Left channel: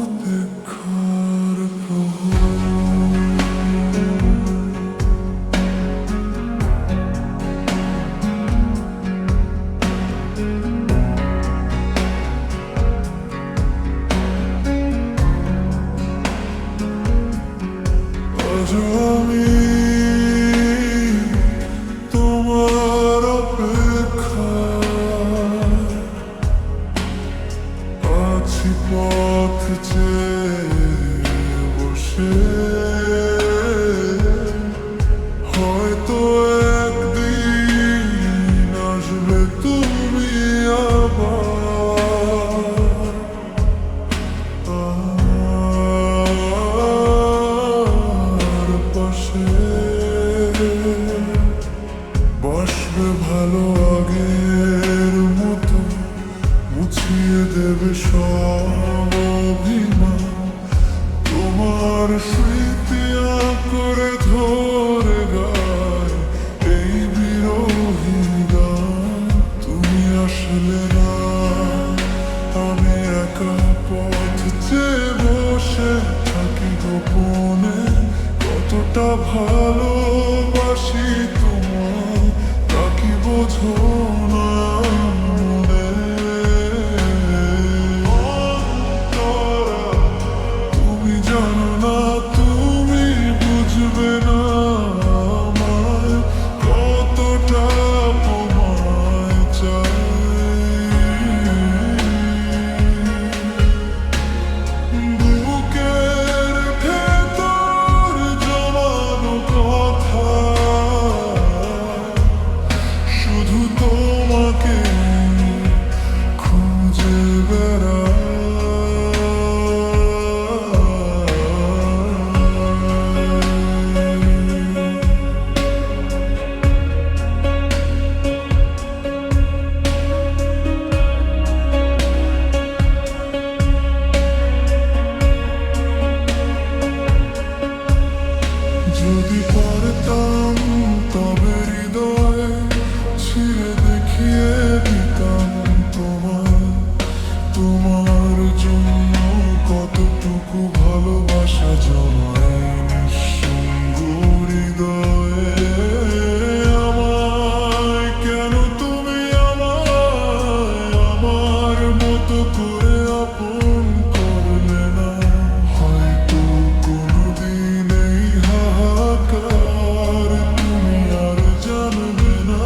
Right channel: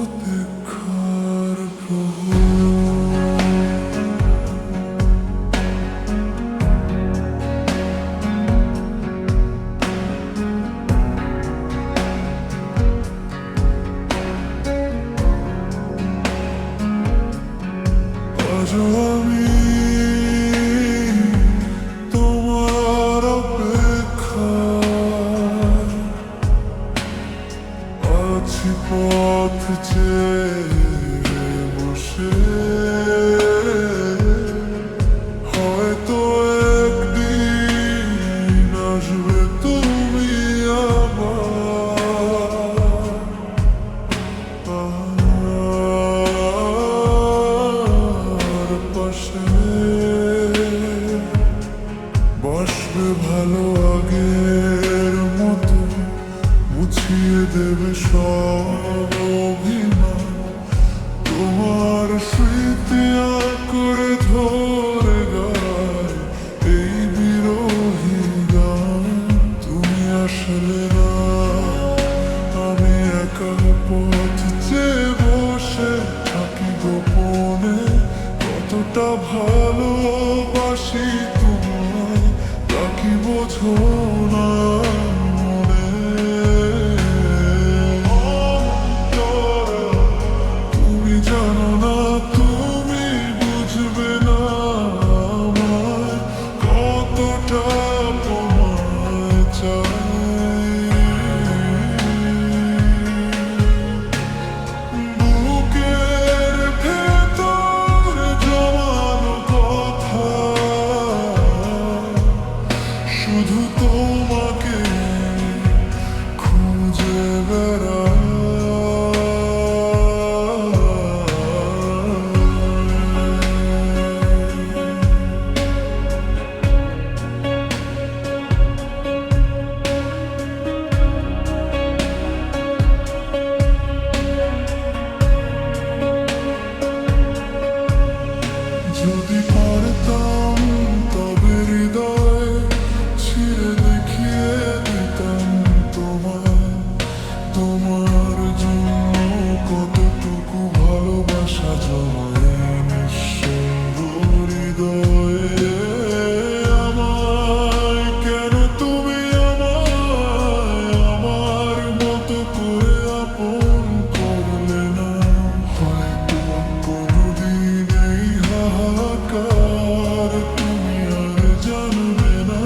অপেক্ষার প্রহর, আজও আমি তোমার অপেক্ষায় আছি, পথ চেয়ে বসে। হয়তো একদিন আসবে তুমি আবার, আর পাশে বসবে ভালো আগের মতো, মুছিয়ে দেবে সব অভিমান। তোমার স্মৃতি করে ধরে গায় এই বিরোহী গান। তুমি আসলে না, আমি একা পথ চেয়ে বসে থাকি গোপনে। কতটা ভালোবাসি তোমায় তা কি বোঝো না মনে। অন্তরা, তুমি জানো না, তুমি বুঝবে না আমায় কতটা তোমায় চাই। বুকের ভেতর জমানো কথা শুধু তোমাকে খুঁজে বেড়াই। যদি পারতাম তবে হৃদয় ছিঁড়ে দেখিয়ে দিতাম তোমায়। তোমার জন্য কতটুকু ভালোবাসা জমায় নিঃসঙ্গ হৃদয়ে। আমায় কেন তুমি আমায় আমার মতো করে আপন করলে না? হয়তো কোনোদিন এই হাহাকার তুমি আর জানবে না।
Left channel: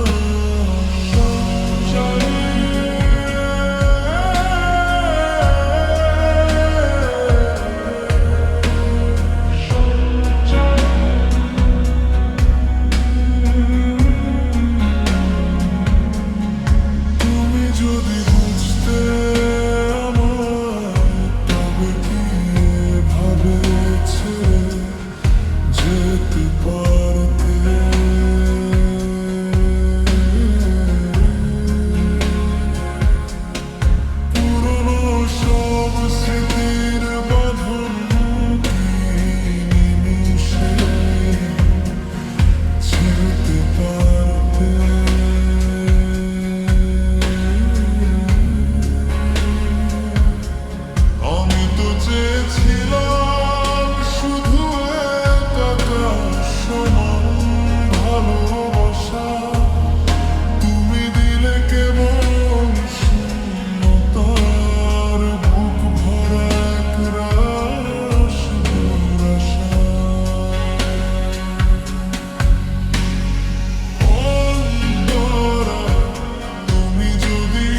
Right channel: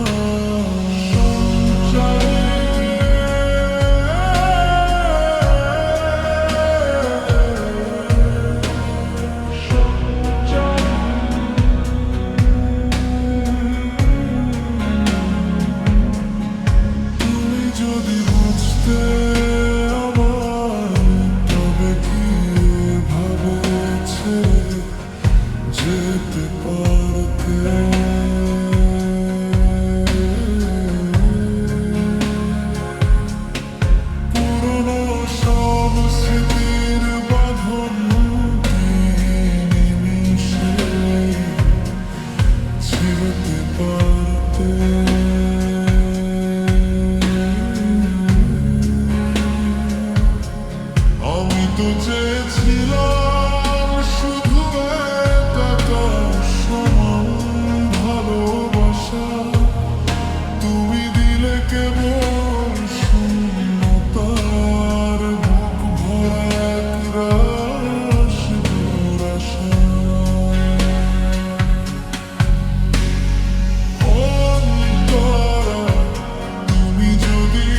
তুমি যদি বুঝতে আমায় তবে কি এভাবে ছেড়ে যেতে পারতে? পুরনো সব স্মৃতির বাঁধন কি নিমিষে ছিঁড়তে পারতে? আমি তো চেয়েছিলাম শুধু এক আকাশ সমান ভালোবাসা। তুমি দিলে কেবল শূন্যতার বুক ভরা এক রাশ দুরাশা। অন্তরা, তুমি যদি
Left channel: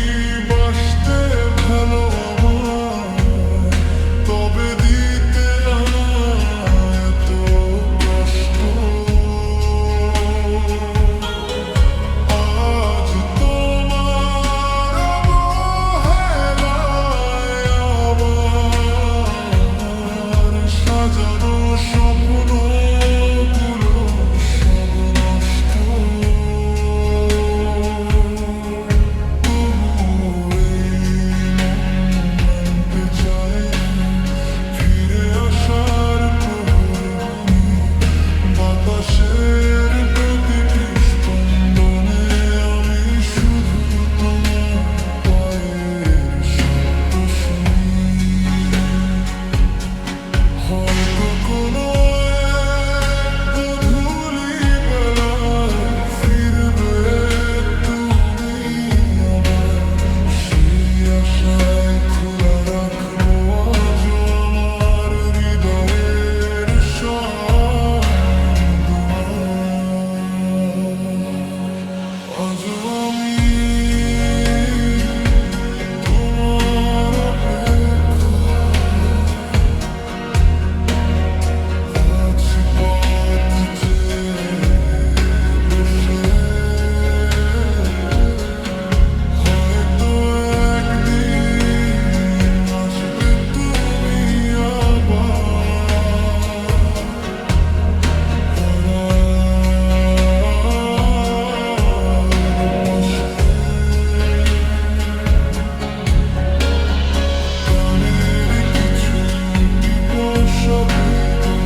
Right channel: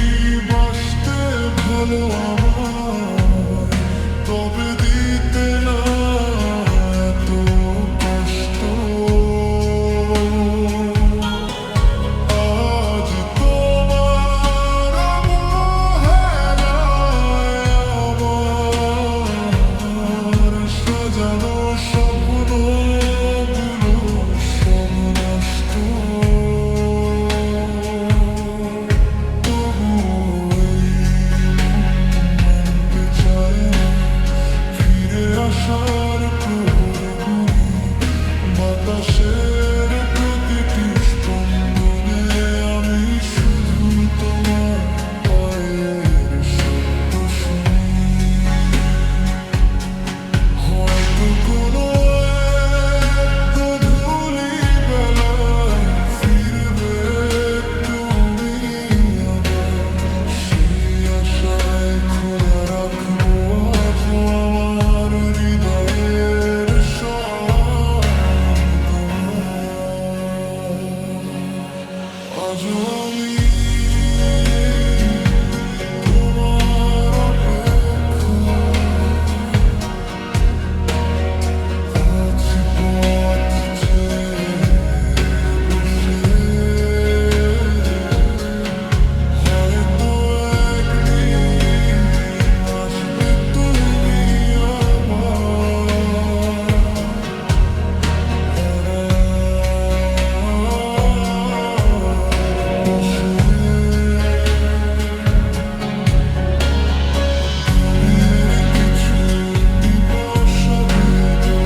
বাসতে ভালো আমায় তবে দিতে না এত কষ্ট। আজ তোমার অবহেলায় আমার সাজানো স্বপ্নগুলো সব নষ্ট। তবু এই মন মানতে চায় না, ফিরে আসার প্রহর গুনি বাতাসের প্রতিটি স্পন্দনে। আমি শুধু তোমার পায়ের শব্দ শুনি। হয়তো কোনো এক গধূলি বেলায় ফিরবে তুমি আবার, সেই আশায় খোলা রাখবো আজও আমার হৃদয়ের সব দুয়ার। আজও আমি তোমার অপেক্ষায় আছি, পথ চেয়ে বসে। হয়তো একদিন আসবে তুমি আবার আমার পাশে। গানের কিছু টিপস বেগো